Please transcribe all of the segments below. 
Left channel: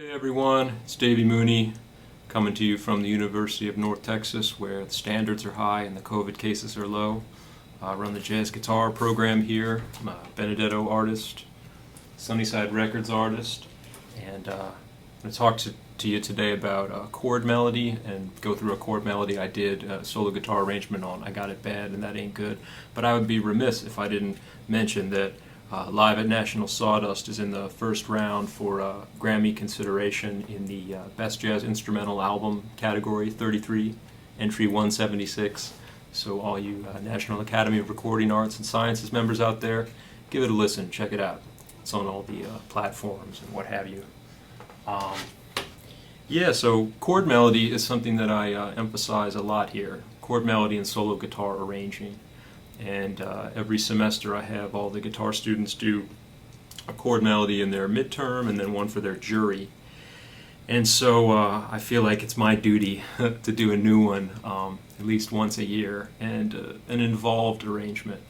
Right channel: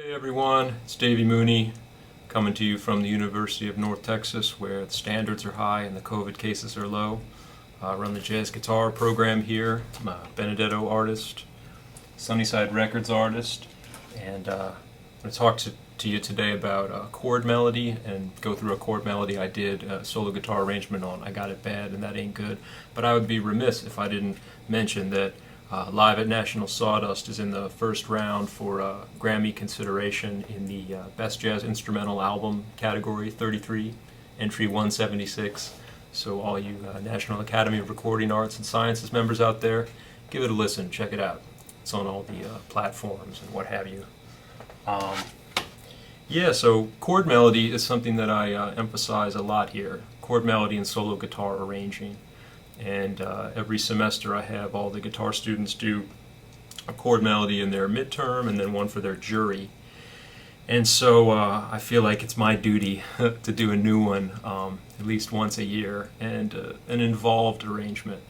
Hey everyone, it's Davy Mooney coming to you from the University of North Texas, where the standards are high and the COVID cases are low. I run the jazz guitar program here. I'm a Benedetto artist, Sunnyside Records artist, and I'm going to talk to you today about chord melody and go through a chord melody I did a solo guitar arrangement on. I Got It Bad and That Ain't Good, but I would be remiss if I didn't mention that Live at National Sawdust is in the first round for Grammy consideration in the Best Jazz Instrumental Album category, 33, entry 176. So all you National Academy of Recording Arts and Sciences members out there, give it a listen, check it out. It's on all the platforms and what have you. So chord melody is something that I emphasize a lot here. Chord melody and solo guitar arranging. And every semester I have all the guitar students do a chord melody in their midterm and then one for their jury. And so I feel like it's my duty to do a new one at least once a year, and an involved arrangement,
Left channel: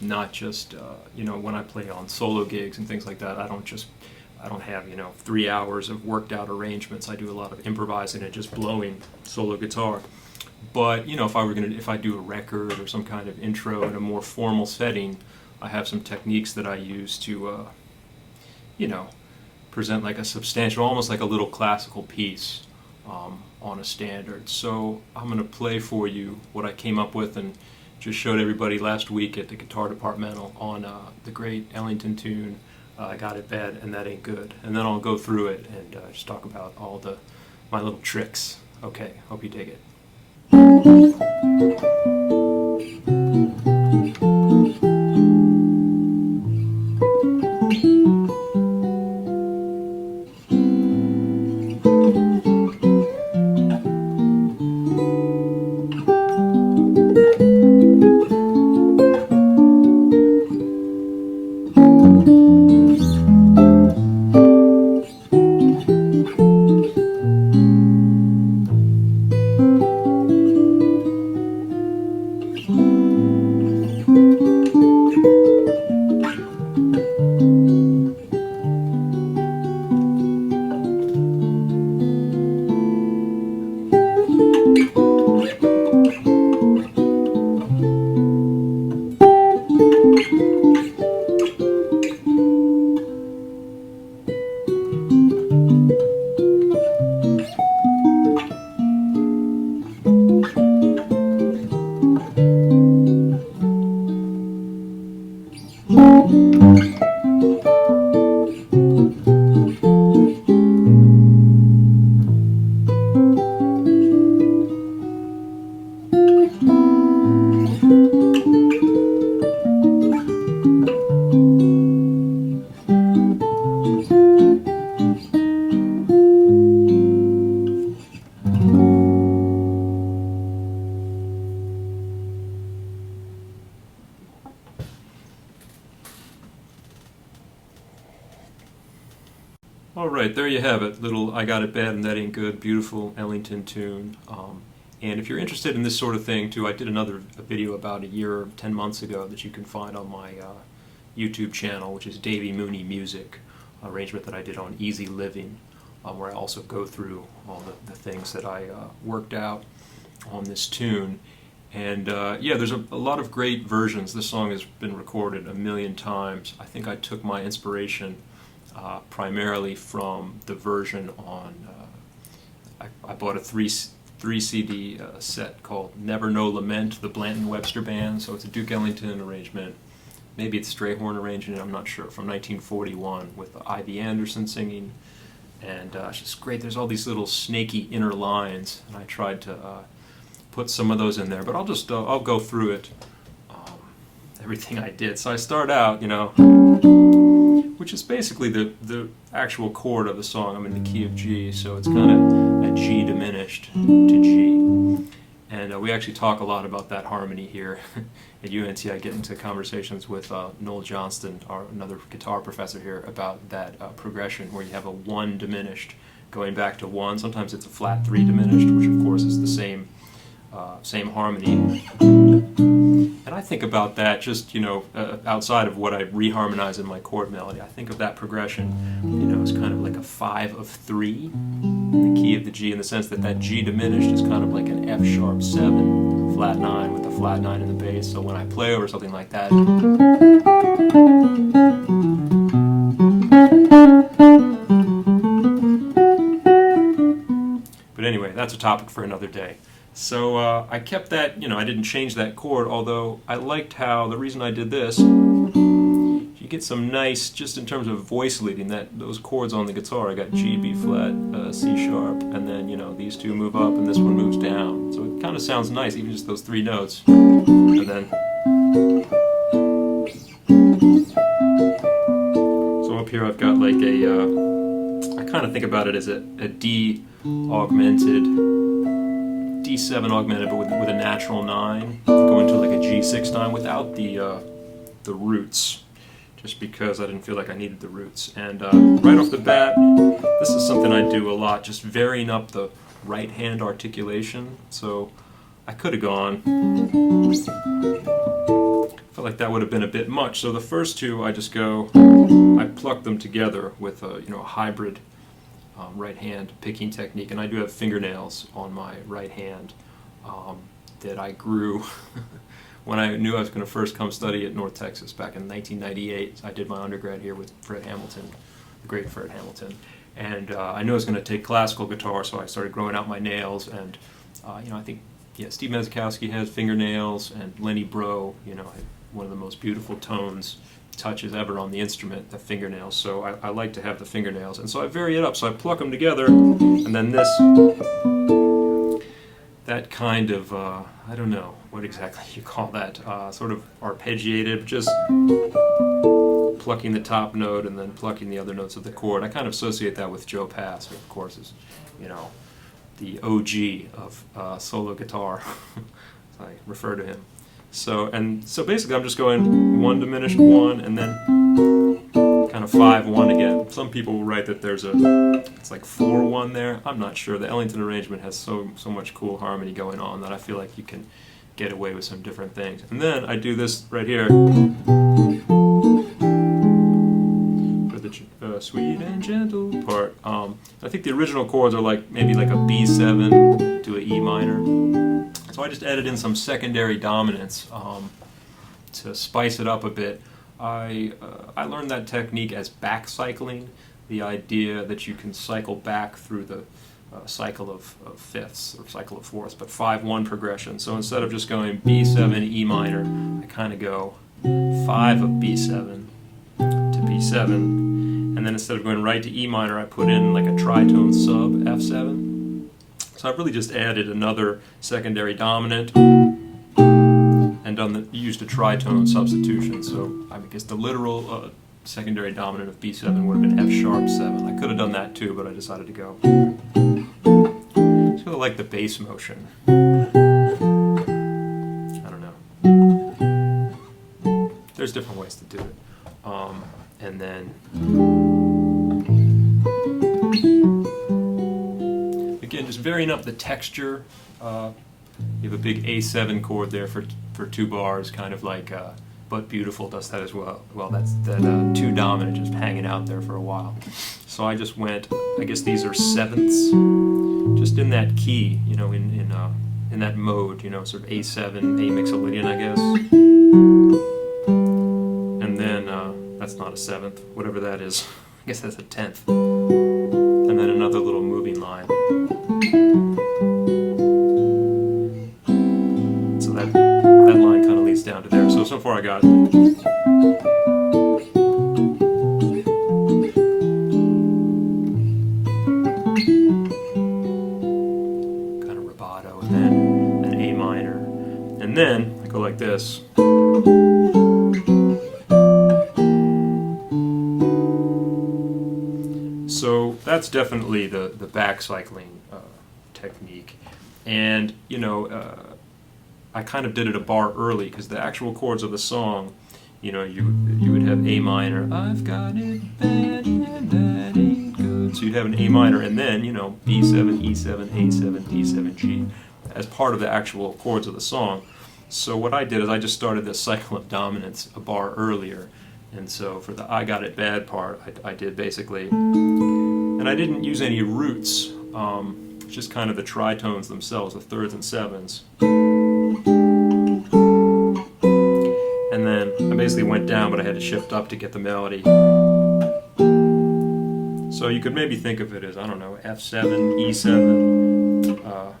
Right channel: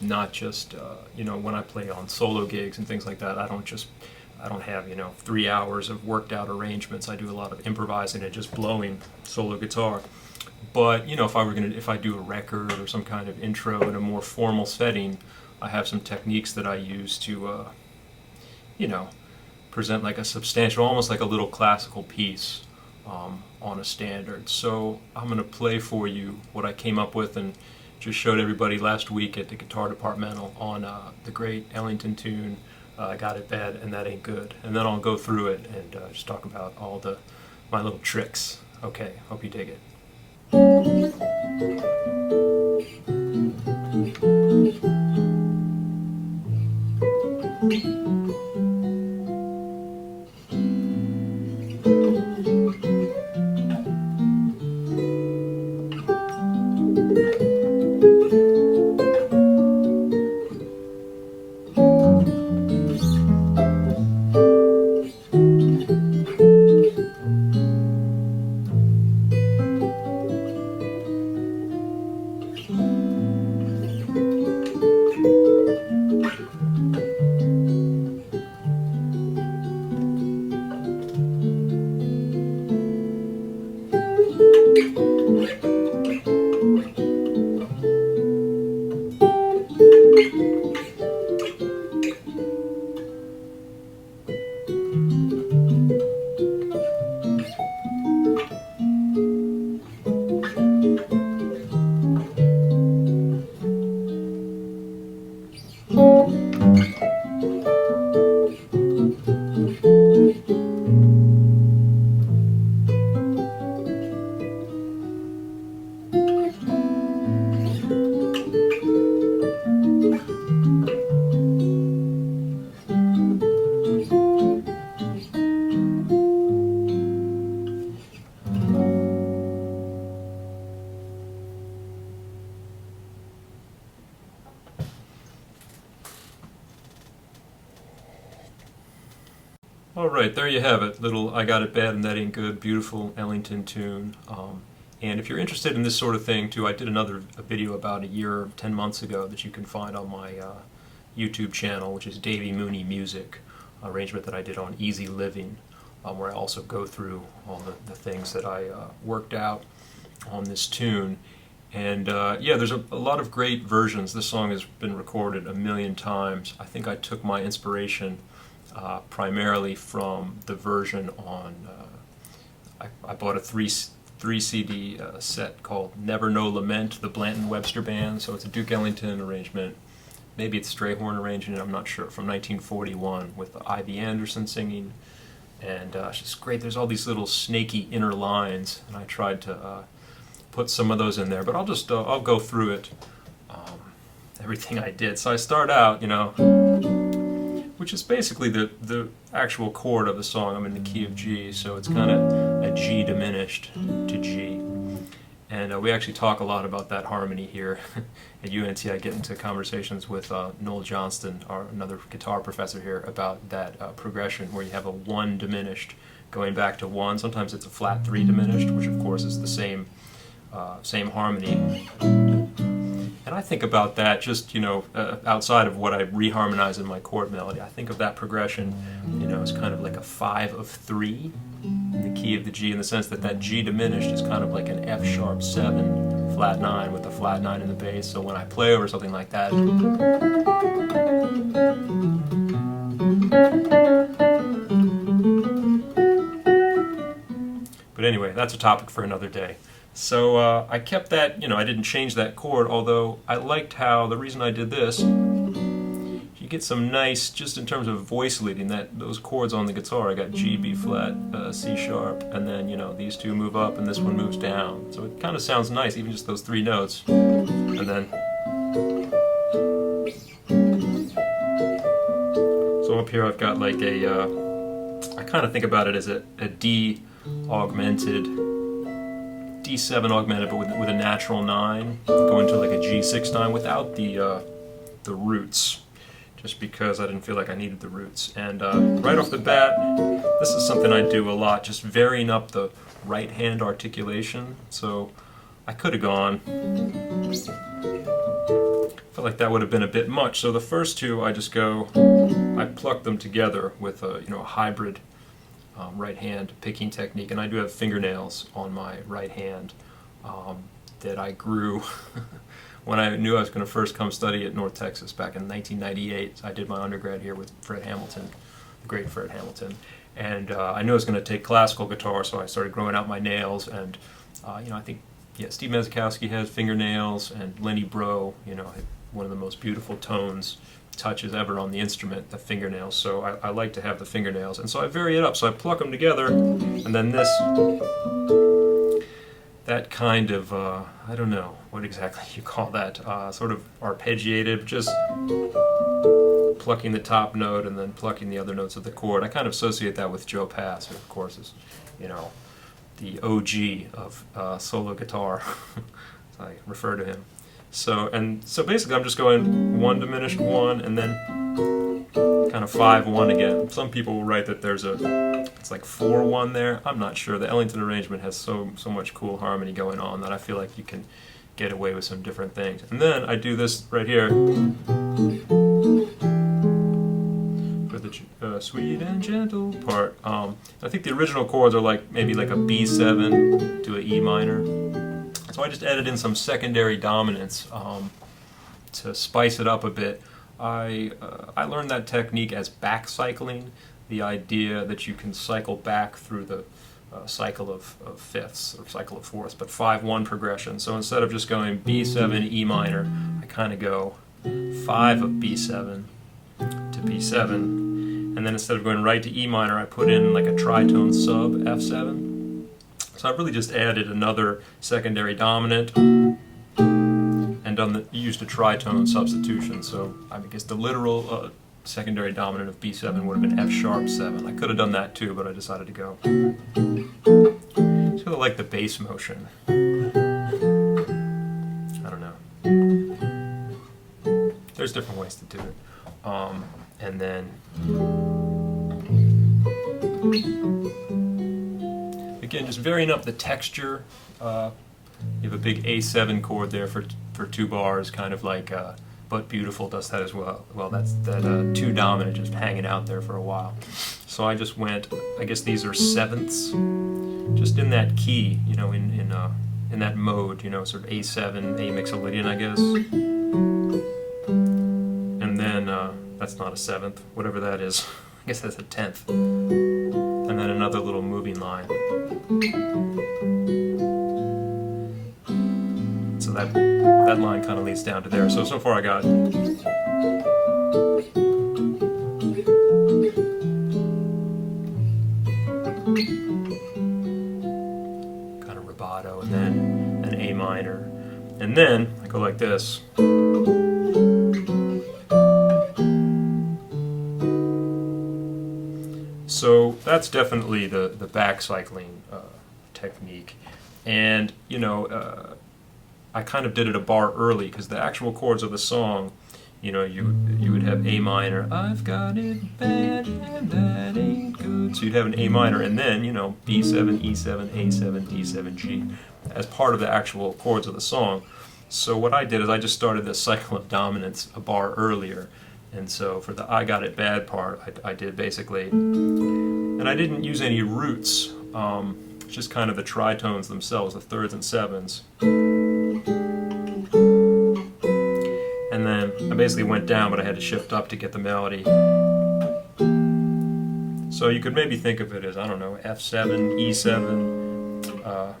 not just when I play on solo gigs and things like that. I don't have 3 hours of worked out arrangements. I do a lot of improvising and just blowing solo guitar. But if I do a record or some kind of intro in a more formal setting, I have some techniques that I use to present like a substantial, almost like a little classical piece on a standard. So I'm going to play for you what I came up with and just showed everybody last week at the guitar departmental on the great Ellington tune, I Got It Bad and That Ain't Good. And then I'll go through it and just talk about all my little tricks. Okay, hope you dig it. Alright, there you have it. Little I Got It Bad and That Ain't Good, beautiful Ellington tune. And if you're interested in this sort of thing too, I did another video about a year, 10 months ago that you can find on my YouTube channel, which is Davy Mooney Music, arrangement that I did on Easy Living, where I also go through all the things that I worked out on this tune. And there's a lot of great versions. This song has been recorded a million times. I think I took my inspiration primarily from the version on, I bought a three CD set called Never No Lament, the Blanton Webster Band. So it's a Duke Ellington arrangement. Maybe it's Strayhorn arranging it, I'm not sure, from 1941 with Ivy Anderson singing. And it's just great. There's all these little snaky inner lines, and I tried to put some of those in there. But I'll go through it, everything I did. So I start out, which is basically the actual chord of the song. I'm in the key of G, so it's kind of a G diminished to G. And we actually talk a lot about that harmony here at UNT. I get into conversations with Noel Johnston, another guitar professor here, about that progression where you have a 1 diminished going back to 1. Sometimes it's a flat 3 diminished, which of course is the same harmony. And And I think about that just, outside of what I reharmonize in my chord melody. I think of that progression, as kind of like a 5 of 3 in the key of the G, in the sense that G diminished is kind of like an F sharp 7, flat 9 with a flat 9 in the bass. So when I play over something like that, but anyway, that's a topic for another day. So I kept that, I didn't change that chord, although I liked how, the reason I did this, you get some nice, just in terms of voice leading, those chords on the guitar. I got G, B flat, C sharp, and then, these two move up and this one moves down. So it kind of sounds nice, even just those 3 notes. And then, so up here I've got like I kind of think about it as a D augmented, D7 augmented, but with a natural 9, go into like a G6 9 without the roots, just because I didn't feel like I needed the roots. And right off the bat, this is something I do a lot, just varying up the right hand articulation. So I could have gone, felt like that would have been a bit much. So the first two, I pluck them together with a hybrid right hand picking technique, and I do have fingernails on my right hand that I grew when I knew I was going to first come study at North Texas back in 1998. I did my undergrad here with Fred Hamilton, the great Fred Hamilton, and I knew I was going to take classical guitar, so I started growing out my nails. And I think Steve Mezikowski has fingernails, and Lenny Breau, one of the most beautiful touches ever on the instrument, the fingernails. So I like to have the fingernails, and so I vary it up. So I pluck them together, and then that kind of, I don't know what exactly you call that, sort of arpeggiated, just plucking the top note and then plucking the other notes of the chord. I kind of associate that with Joe Pass, who of course is, the OG of solo guitar, as I refer to him. So basically I'm just going 1 diminished 1 and then kind of 5-1 again. Some people will write that it's like 4-1 there. I'm not sure. The Ellington arrangement has so much cool harmony going on that I feel like you can get away with some different things. And then I do this right here for the sweet and gentle part. I think the original chords are maybe like a B7 to an E minor. So I just added in some secondary dominants to spice it up a bit. I learned that technique as back cycling, the idea that you can cycle back through the cycle of fifths or cycle of fourths, but 5-1 progression. So instead of just going B7, E minor, I kind of go 5 of B7 to B7, and then instead of going right to E minor, I put in like a tritone sub F7. So I've really just added another secondary dominant and used a tritone substitution. So I guess the literal secondary dominant of B7 would have been F sharp 7. I could have done that too, but I decided to go. Sort of like the bass motion. I don't know. There's different ways to do it. And then again, just varying up the texture. You have a big A7 chord there for 2 bars, kind of like But Beautiful does that as well. Well, that's that 2 dominant just hanging out there for a while. So I just went, I guess these are sevenths, just in that key, in that mode, sort of A7, A mixolydian, I guess. And then, that's not a 7th, whatever that is. I guess that's a 10th. And then another little moving line. So that line kind of leads down to there. So far I got kind of rubato, and then an A minor. And then I go like this. So that's definitely the back cycling technique. And, I kind of did it a bar early, because the actual chords of the song, you would have A minor, I've got it bad and that ain't good. So you'd have an A minor, and then, B7, E7, A7, D7, G, as part of the actual chords of the song. So what I did is I just started this cycle of dominance a bar earlier. And so for the I Got It Bad part, I did basically, and I didn't use any roots, just kind of the tritones themselves, the thirds and sevens. And then I basically went down, but I had to shift up to get the melody. So you could maybe think of it as, I don't know, F7, E7,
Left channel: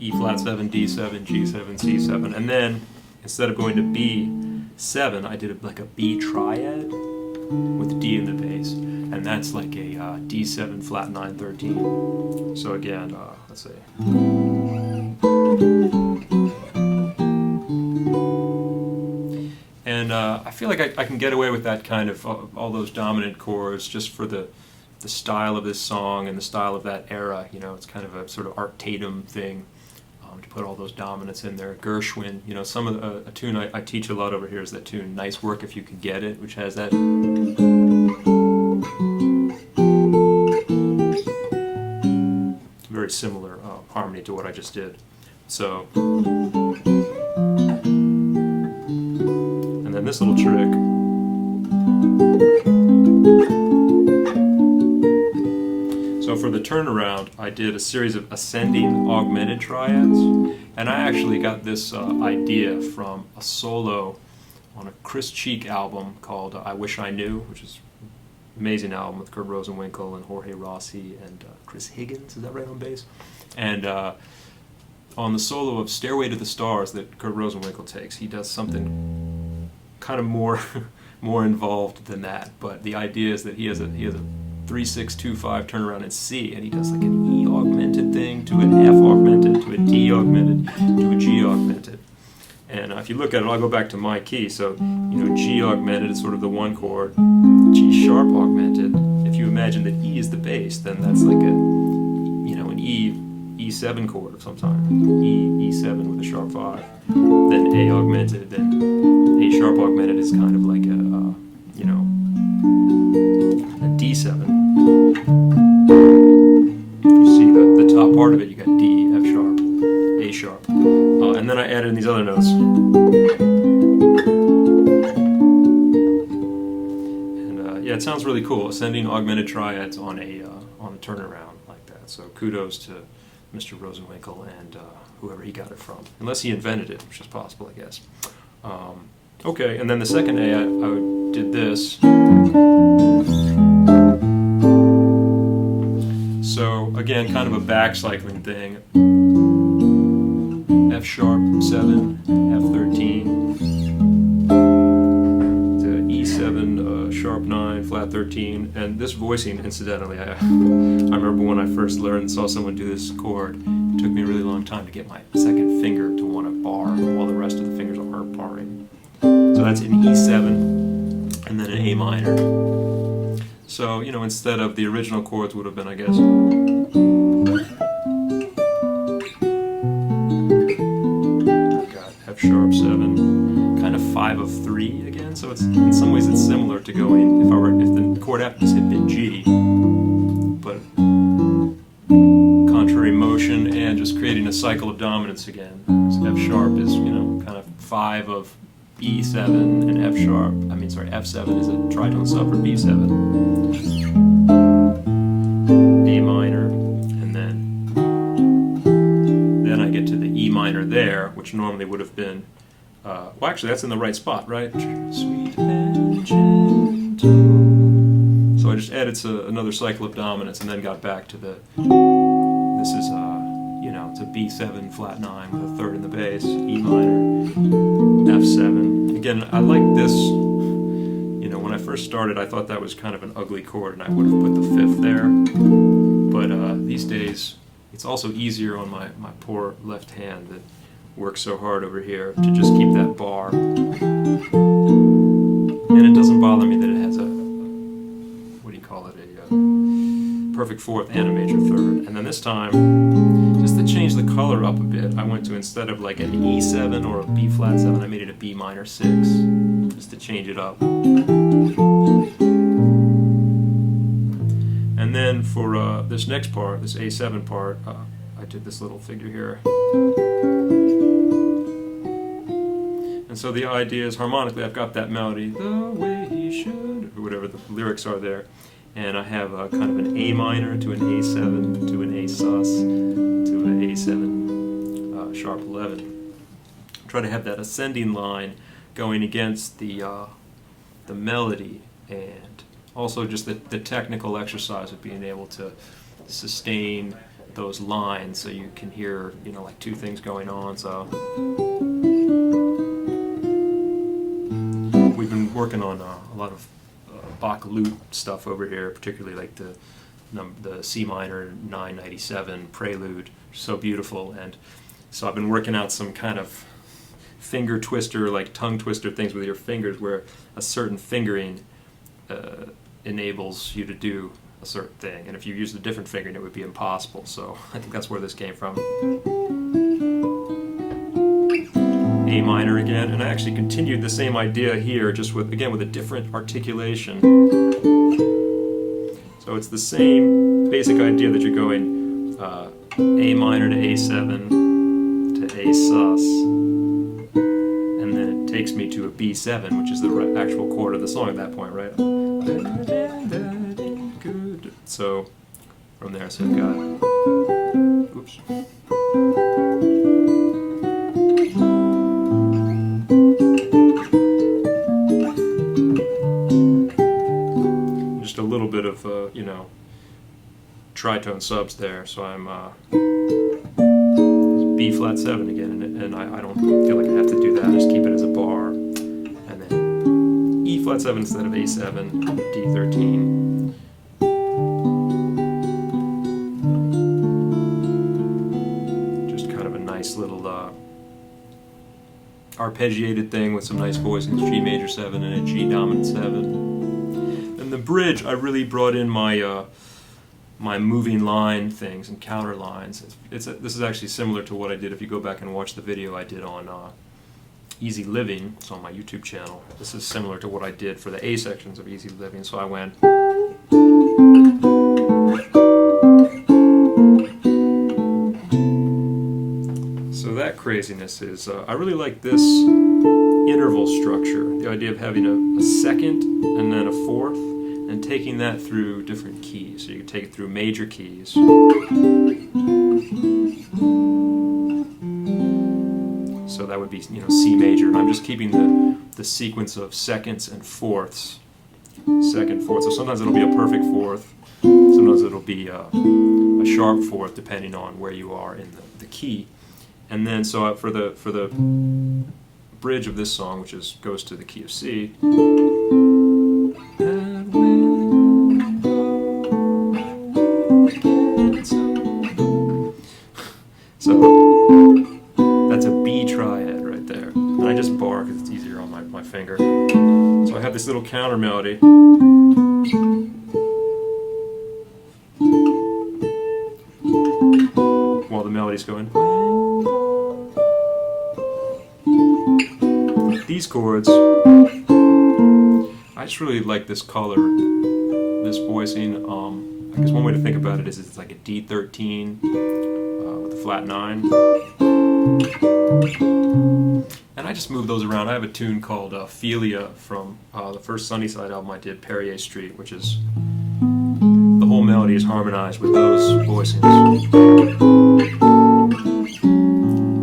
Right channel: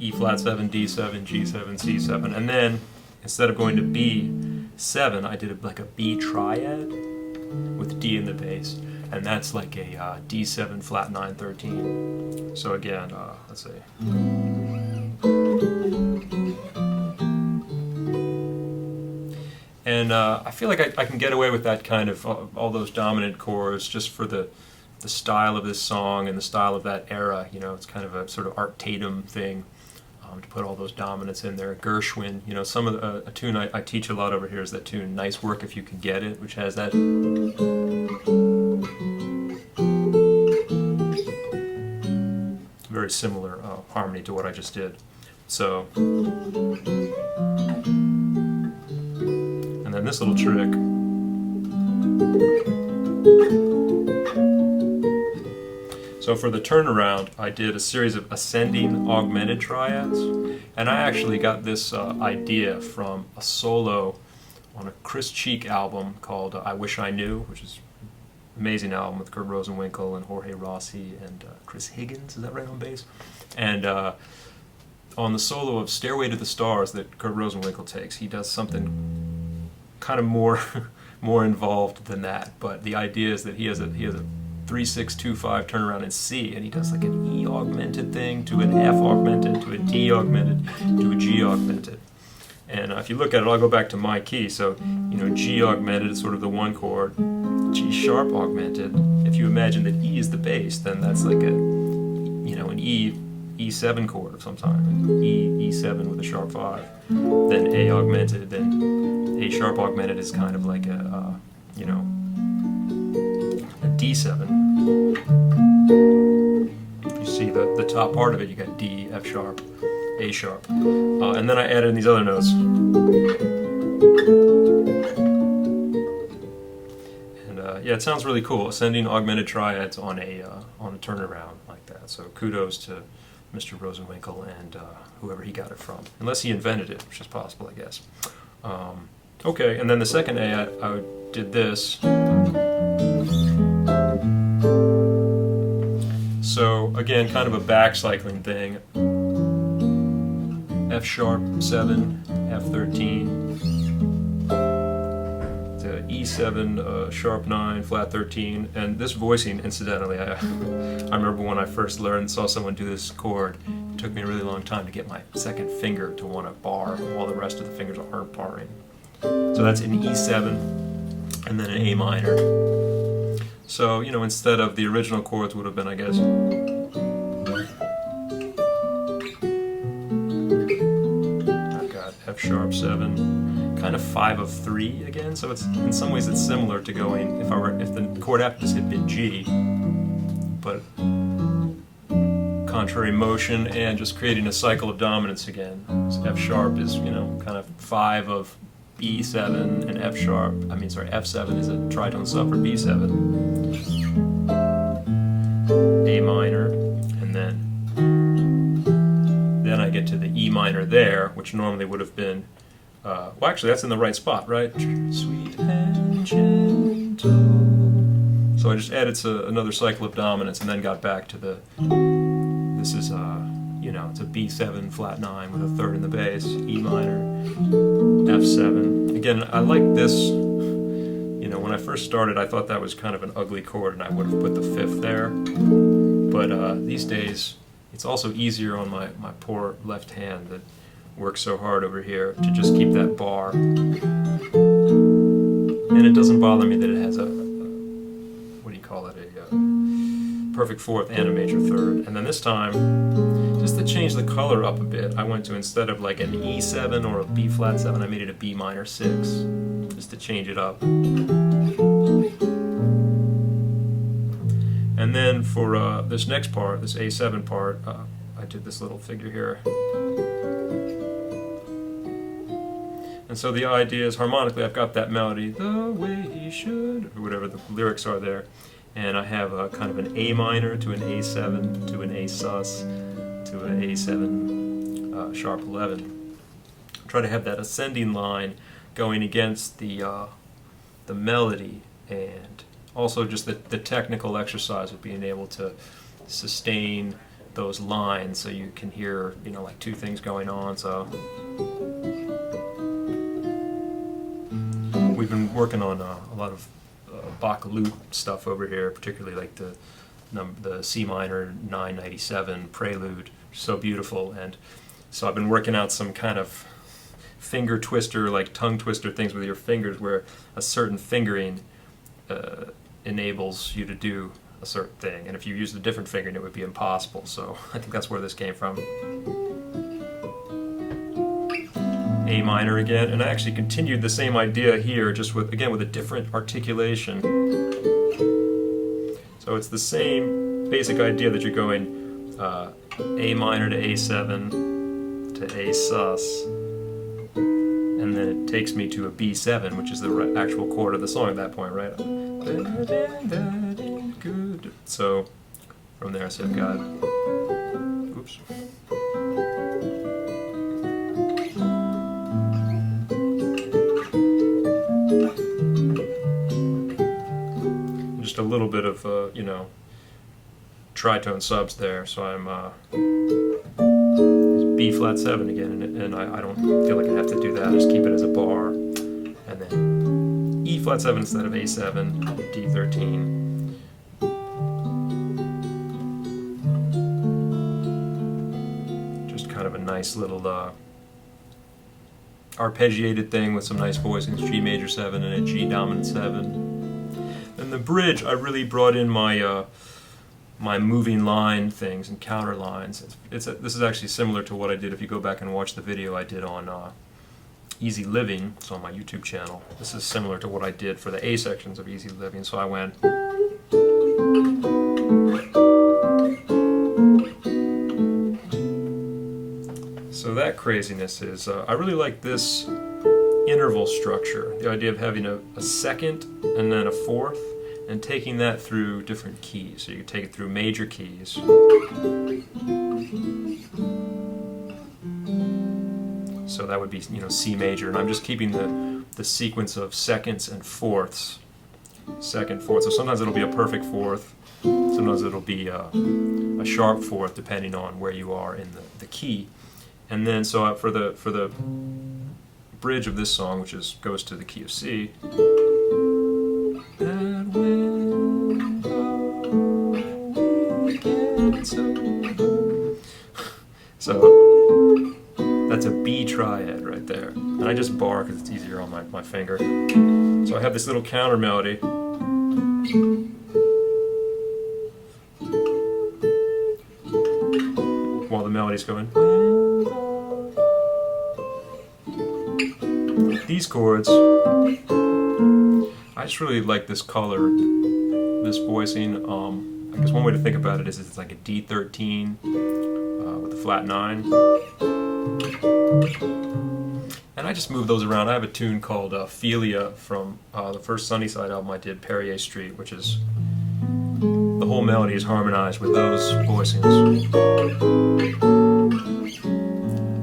E flat 7, D7, G7, C7, and then instead of going to B7, I did like a B triad with D in the bass, and that's like a D7 flat 9 13. So again, let's see. And I feel like I can get away with that kind of all those dominant chords just for the style of this song and the style of that era. You know, it's kind of a sort of Art Tatum thing. To put all those dominants in there. Gershwin, you know, some of a tune I teach a lot over here is that tune Nice Work If You Can Get It, which has that very similar harmony to what I just did. So, and then this little trick. So for the turnaround, I did a series of ascending augmented triads, and I actually got this idea from a solo on a Chris Cheek album called I Wish I Knew, which is an amazing album with Kurt Rosenwinkel and Jorge Rossi and Chris Higgins, is that right, on bass? And on the solo of Stairway to the Stars that Kurt Rosenwinkel takes, he does something kind of more involved than that, but the idea is that he has a 3-6-2-5 turnaround in C, and he does like an E augmented thing to an F augmented to a D augmented to a G augmented. And if you look at it, I'll go back to my key. So, you know, G augmented is sort of the one chord, G sharp augmented. If you imagine that E is the bass, then that's like a, you know, an E7 chord of some kind. E7 with a sharp 5. Then A augmented, then A sharp augmented is kind of like a you know, a D7. You see the top part of it, you got D, F sharp, A sharp. And then I added in these other notes. And yeah, it sounds really cool. Ascending augmented triads on a turnaround like that. So kudos to Mr. Rosenwinkel and whoever he got it from. Unless he invented it, which is possible, I guess. Okay, and then the second A, I did this. So again, kind of a back cycling thing. F sharp 7, F13, to E7 sharp 9, flat 13, and this voicing, incidentally, I remember when I first learned and saw someone do this chord, it took me a really long time to get my second finger to want to bar while the rest of the fingers aren't barring. So that's an E7 and then an A minor. So, you know, instead of the original chords would have been, I guess, I've got F sharp 7, kind of 5 of 3 again. So it's in some ways it's similar to going if the chord after this had been G, but contrary motion and just creating a cycle of dominance again. So F sharp is, you know, kind of 5 of B7 and F7 is a tritone sub for B7. A minor, and then I get to the E minor there, which normally would have been, well actually that's in the right spot, right? Sweet and gentle. So I just added another cycle of dominance and then got back to this is you know, it's a B7 flat 9 with a third in the bass, E minor, F7. Again, I like this, you know, when I first started I thought that was kind of an ugly chord and I would have put the 5th there, but these days it's also easier on my poor left hand that works so hard over here to just keep that bar, and it doesn't bother me that it has a what do you call it, a perfect 4th and a major 3rd. And then this time, just to change the color up a bit, I went to, instead of like an E7 or a B flat 7, I made it a B minor 6, just to change it up. And then for this next part, this A7 part, I did this little figure here. And so the idea is harmonically I've got that melody, the way he should, or whatever the lyrics are there. And I have a kind of an A minor to an A7 to an A sus to an A7 sharp 11. Try to have that ascending line going against the melody, and also just the technical exercise of being able to sustain those lines so you can hear, you know, like two things going on. So we've been working on a lot of Bach lute stuff over here, particularly like the C minor 997 prelude, so beautiful. And so I've been working out some kind of finger twister, like tongue twister things with your fingers, where a certain fingering enables you to do a certain thing, and if you used a different fingering it would be impossible. So I think that's where this came from. A minor again, and I actually continued the same idea here, just with, again, with a different articulation. So it's the same basic idea that you're going A minor to A7 to A sus, and then it takes me to a B7, which is the actual chord of the song at that point, right? Good. So from there, so I've got, oops. Just a little bit of, you know, tritone subs there. So I'm B flat 7 again, and I don't feel like I have to do that. I just keep it as a bar, and then E flat 7 instead of A7, D13. Just kind of a nice little arpeggiated thing with some nice voicings, G major 7 and a G dominant 7. And the bridge, I really brought in my my moving line things and counter lines. This is actually similar to what I did if you go back and watch the video I did on Easy Living. It's on my YouTube channel. This is similar to what I did for the A sections of Easy Living. So I went, so that craziness is, I really like this interval structure, the idea of having a second and then a fourth, and taking that through different keys. So you take it through major keys. So that would be, you know, C major, and I'm just keeping the sequence of seconds and fourths. Second, fourth. So sometimes it'll be a perfect fourth, sometimes it'll be a sharp fourth, depending on where you are in the key. And then so for the bridge of this song, which goes to the key of C. So that's a B triad right there. And I just bar because it's easier on my finger. So I have this little counter melody. While the melody's going. These chords, I just really like this color, this voicing. I guess one way to think about it is it's like a D13 with a flat 9. And I just move those around. I have a tune called Philia from the first Sunnyside album I did, Perrier Street, which is, the whole melody is harmonized with those voicings.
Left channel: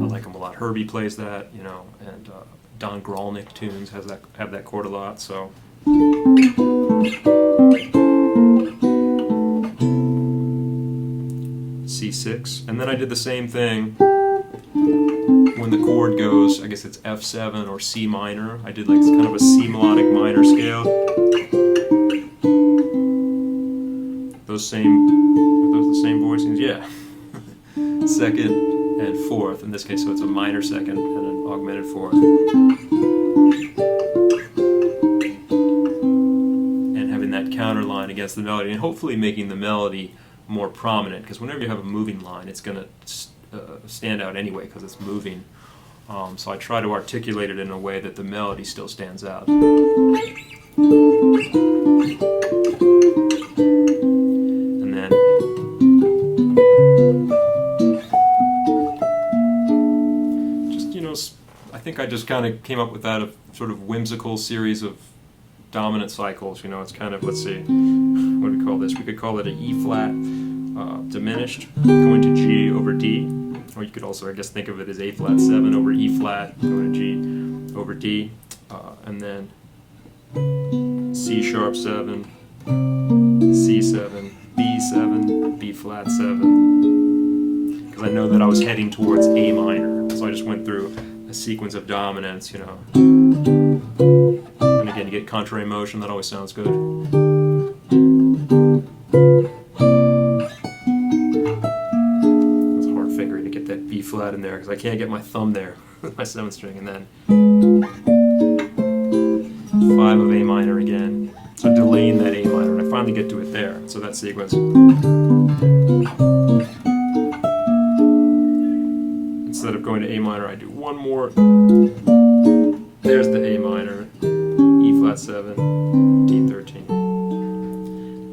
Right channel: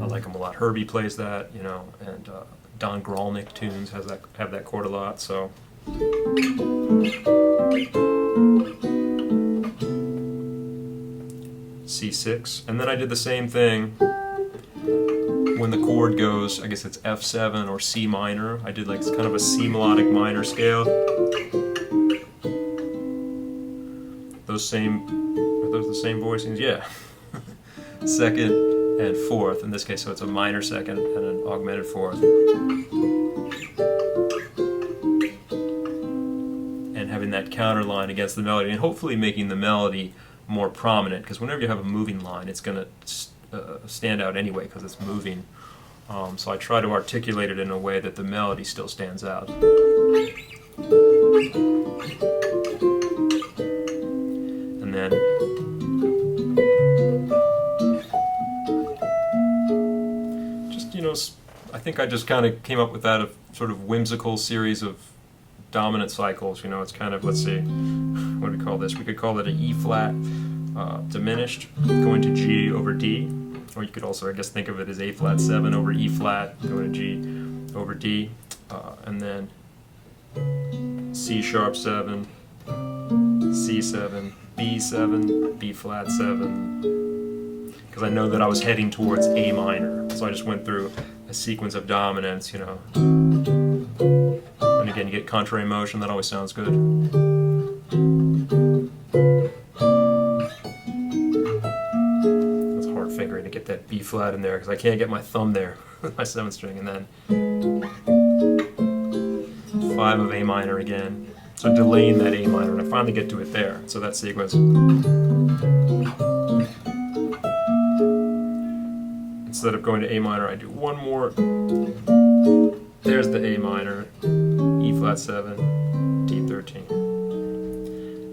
I like them a lot. Herbie plays that, you know, and Don Grolnick tunes have that chord a lot, so. C6, and then I did the same thing when the chord goes, I guess it's F7 or C minor. I did like kind of a C melodic minor scale. Are those the same voicings? Yeah. Second and fourth, in this case, so it's a minor second and an augmented fourth. And having that counter line against the melody, and hopefully making the melody more prominent, because whenever you have a moving line, it's going to stand out anyway because it's moving. So I try to articulate it in a way that the melody still stands out. And then just, you know, I think I just kind of came up with that, a sort of whimsical series of dominant cycles. You know, it's kind of, let's see, what do we call this? We could call it an E flat diminished going to G over D, or you could also, I guess, think of it as A flat 7 over E flat going to G over D, and then C sharp 7, C7, B7, B flat 7, because I know that I was heading towards A minor, so I just went through a sequence of dominants, you know. And again, you get contrary motion, that always sounds good. It's hard fingering to get that B flat in there, because I can't get my thumb there with my 7th string, and then 5 of A minor again. So delaying that A minor, and I finally get to it there. So that sequence. Instead of going to A minor, I do one more. There's the A minor, E flat 7, D13.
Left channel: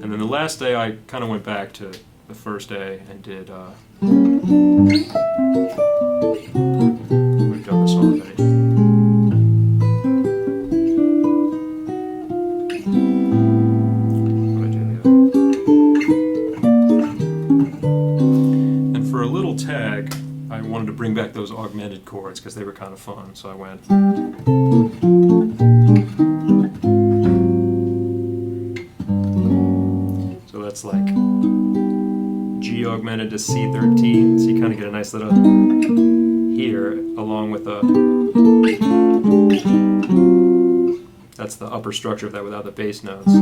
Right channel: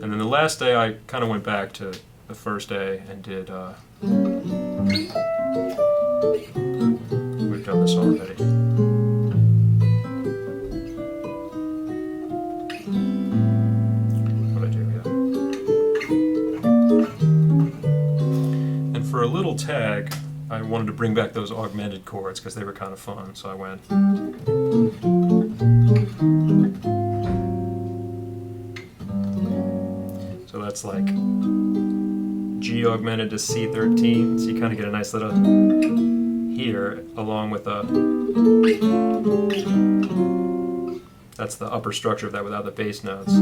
And then the last day I kind of went back to the first day and did, we've done this already. For a little tag, I wanted to bring back those augmented chords because they were kind of fun, so I went. So that's like G augmented to C13, so you kind of get a nice little here, along with a. That's the upper structure of that without the bass notes.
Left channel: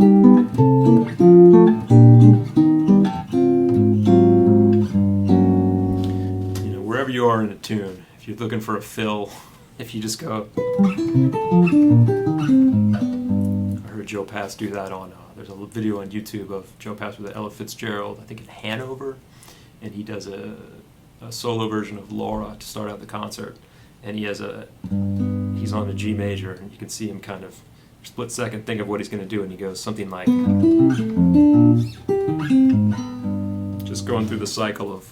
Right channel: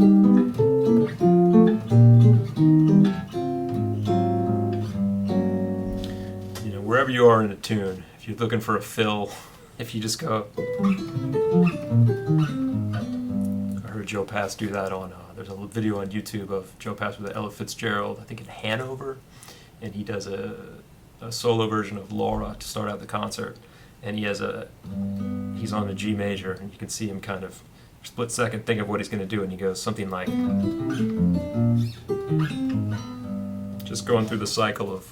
Wherever you are in a tune, if you're looking for a fill, if you just go. I heard Joe Pass do that on, there's a video on YouTube of Joe Pass with Ella Fitzgerald, I think in Hanover, and he does a solo version of Laura to start out the concert, and he's on the G major, and you can see him kind of split second think of what he's going to do, and he goes something like, just going through the cycle of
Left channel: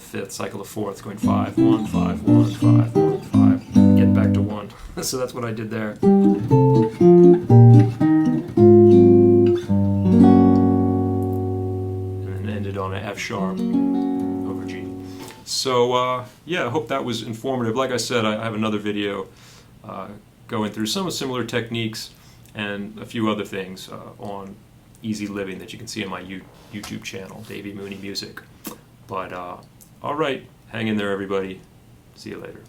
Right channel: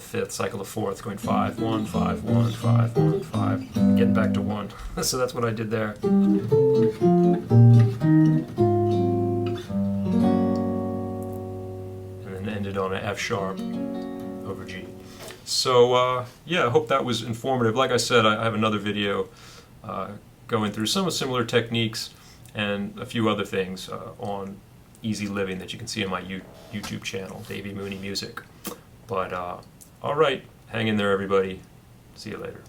fifth, cycle of fourth, going 5, 1, 5, 1, 5, 1, 5, getting back to 1. So that's what I did there. And then ended on an F sharp over G. So yeah, I hope that was informative. Like I said, I have another video going through some similar techniques and a few other things on easy living that you can see on my YouTube channel, Davy Mooney Music. But, all right, hang in there, everybody. See you later.